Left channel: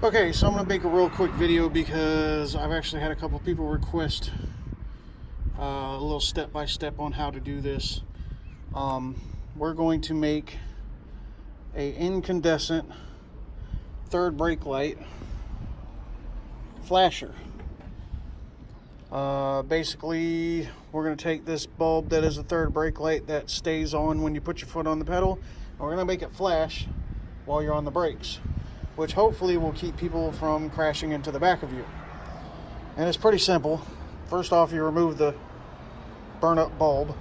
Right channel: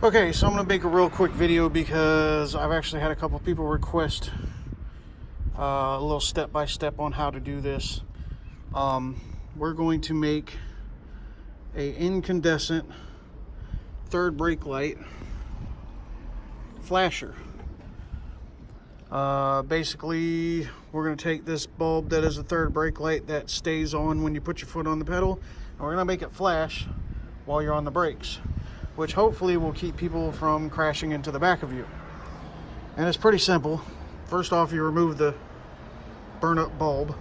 Okay, so I'm going to make a real quick video because I've actually had a couple people request a little step-by-step on how to do this. We're going to make a incandescent third brake light flasher. Basically, we're going to take this bulb that is a third brake light that stays on when you put your foot on the pedal, and we're going to make it flash while you're on the brakes, which hopefully will keep people from crashing into the back of you. And it's pretty simple. First off, you remove the burn up bulb.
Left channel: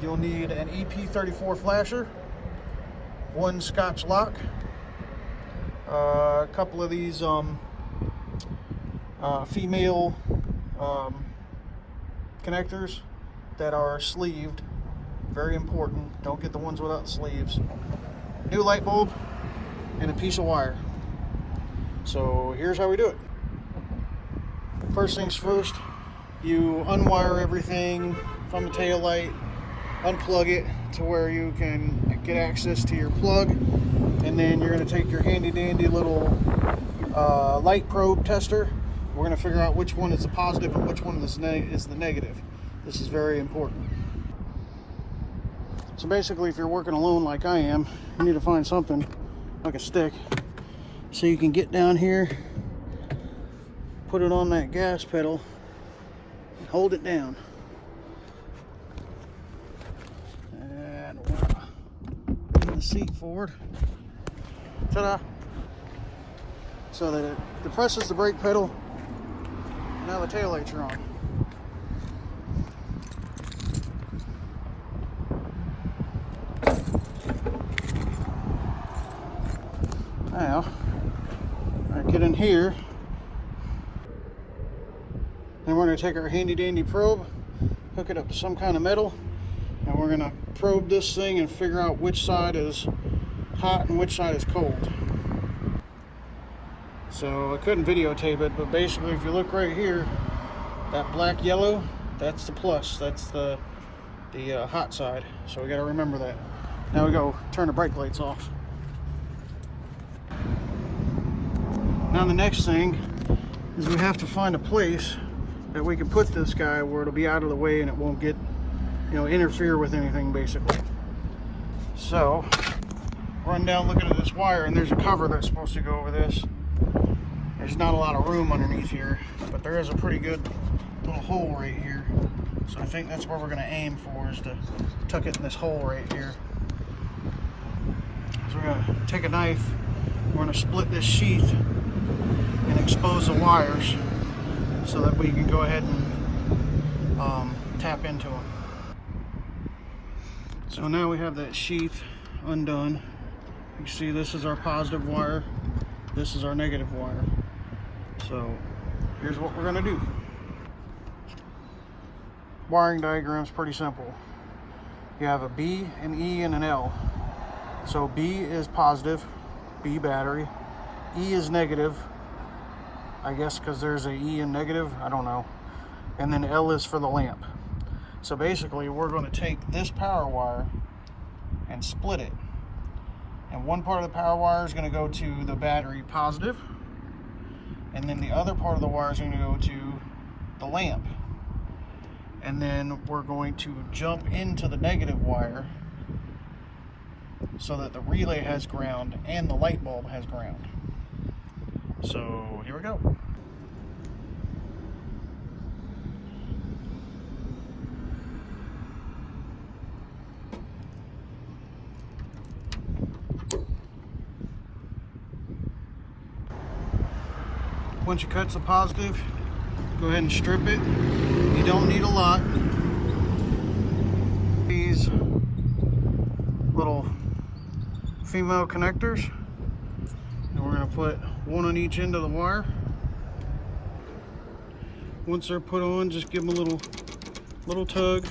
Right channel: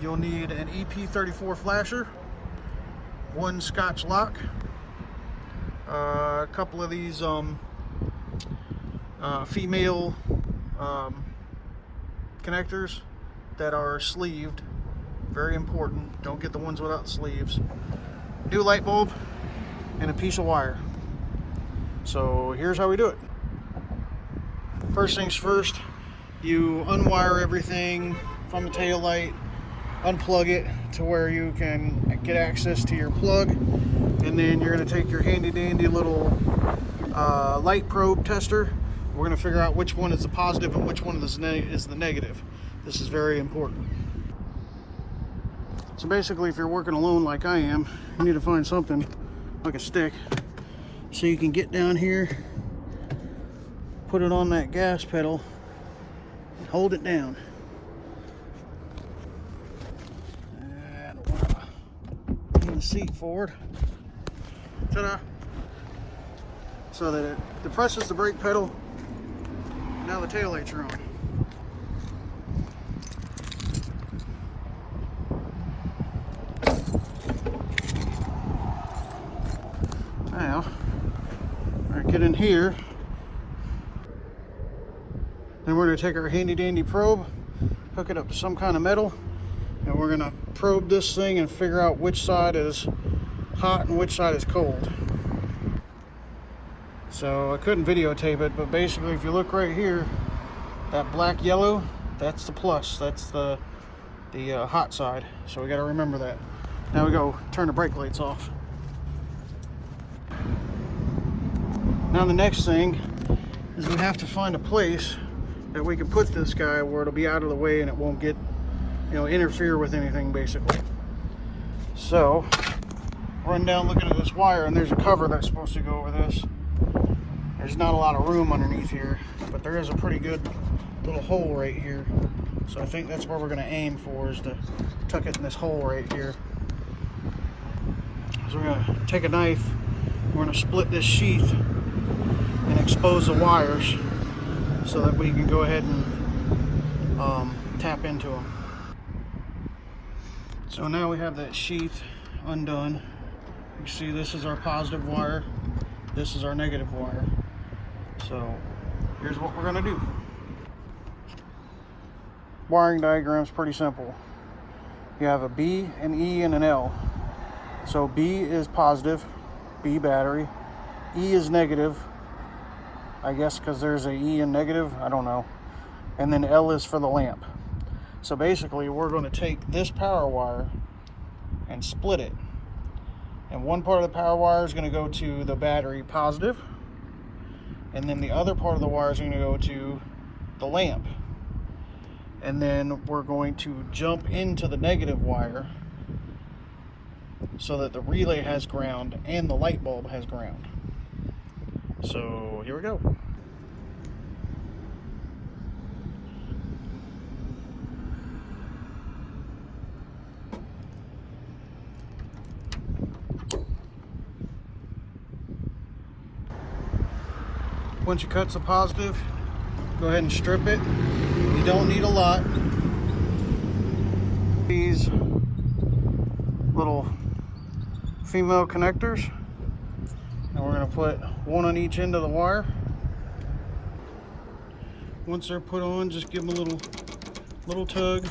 You'll need an EP34 flasher, one Scotch lock, a couple of these female connectors that are sleeved. Very important. Don't get the ones without sleeves. New light bulb and a piece of wire. So here's how we do it. First things first, you unwire everything from the tail light, unplug it to where you can get access to your plug, and then you're going to take your handy dandy little light probe tester. We're going to figure out which one is the positive and which one is the negative. This is very important. So basically, if you're working alone like I am, you need to find something like a stick so you can get down here, put it on that gas pedal, and hold it down. And the seat forward. Ta-da! So that it depresses the brake pedal. Now the tail lights are on. Now, I get in here, and we're going to take our handy dandy probe, hook it up to some kind of metal, and we're going to probe this thing and figure out which side is hot and which side is cold. So I couldn't videotape it, but basically if you look right here, that black yellow, that's the plus, that's the hot side. So we got to remember that. Now we go turn the brake lights off. Now the next thing is we have to find a place that we can put this guy where it'll be out of the way and it won't get, interfere with anything basically. So, run down looking at this wire, and there's a cover that's supposed to go over this. There's not a lot of room underneath here, but there is a pretty good little hole right here. So I think that's what we're going to aim for, is to tuck it in this hole right here. So we're going to take a knife, we're going to split this sheath and expose the wires so that we can go ahead and tap into them. So now we have that sheath undone. You see this is our positive wire, this is our negative wire. So here's what we're going to do. Wiring diagram is pretty simple. You have a B, an E, and an L. So B is positive, B battery. E is negative, I guess because there's a E in negative, I don't know. And then L is for the lamp. So basically we're going to take this power wire and split it. And one part of the power wire is going to go to the battery positive, and then the other part of the wire is going to go to the lamp. And then we're going to jump into the negative wire so that the relay has ground and the light bulb has ground. So here we go. Once you cut the positive, go ahead and strip it. You don't need a lot. These little female connectors, and we're going to put one on each end of the wire. Once they're put on, just give them a little tug.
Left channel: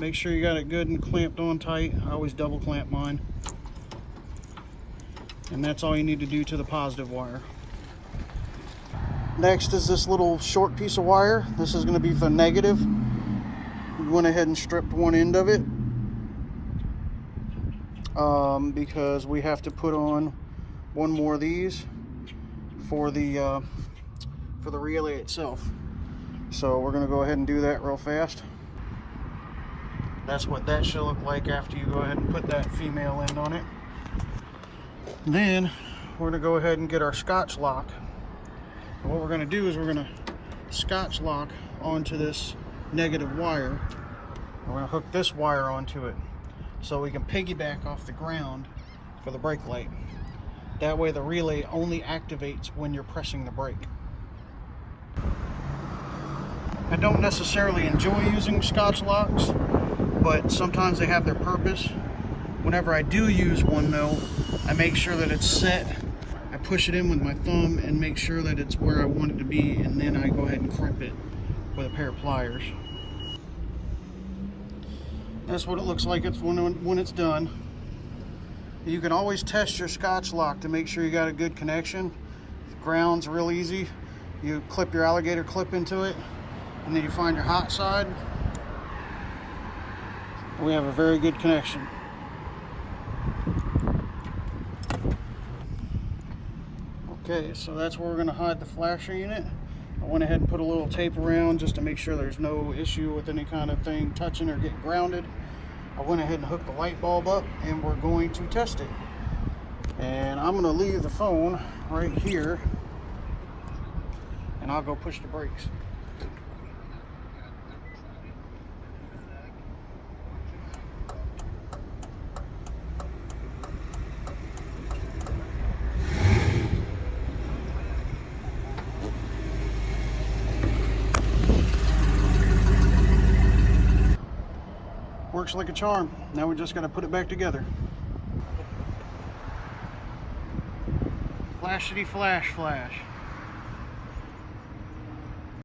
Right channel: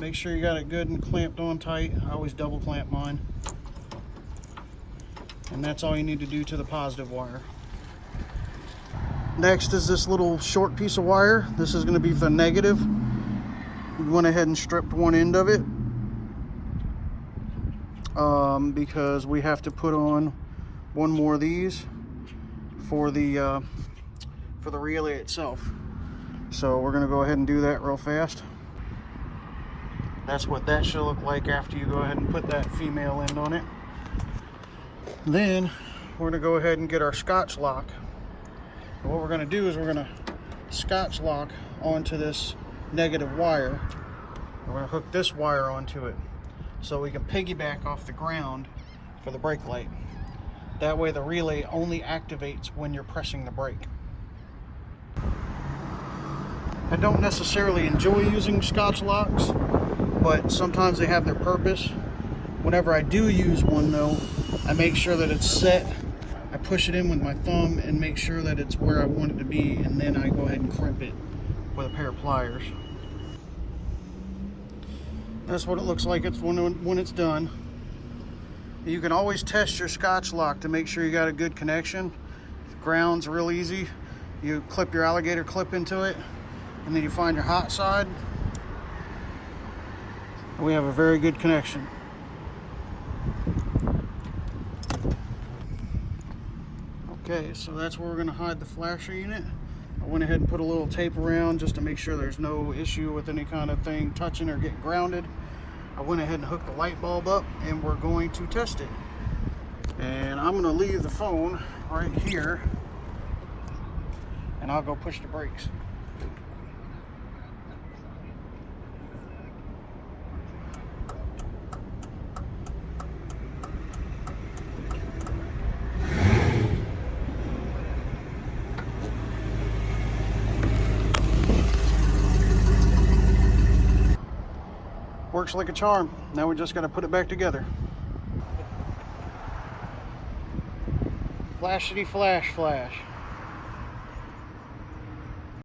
Make sure you got it good and clamped on tight. I always double clamp mine. And that's all you need to do to the positive wire. Next is this little short piece of wire. This is going to be for negative. We went ahead and stripped one end of it because we have to put on one more of these for the relay itself. So we're going to go ahead and do that real fast. That's what that should look like after you go ahead and put that female end on it. Then we're going to go ahead and get our Scotch lock. And what we're going to do is we're going to Scotch lock onto this negative wire. We're going to hook this wire onto it so we can piggyback off the ground for the brake light. That way the relay only activates when you're pressing the brake. I don't necessarily enjoy using Scotch locks, but sometimes they have their purpose. Whenever I do use one though, I make sure that it's set. I push it in with my thumb and make sure that it's where I want it to be, and then I go ahead and crimp it with a pair of pliers. That's what it looks like when it's done. You can always test your Scotch lock to make sure you got a good connection. Ground's real easy. You clip your alligator clip into it, and then you find your hot side. We have a very good connection. Okay, so that's where we're going to hide the flasher unit. I went ahead and put a little tape around just to make sure there's no issue with any kind of thing touching or getting grounded. I went ahead and hooked the light bulb up, and we're going to test it. And I'm going to leave the phone right here, and I'll go push the brakes. Works like a charm. Now we just got to put it back together. Flashity flash flash.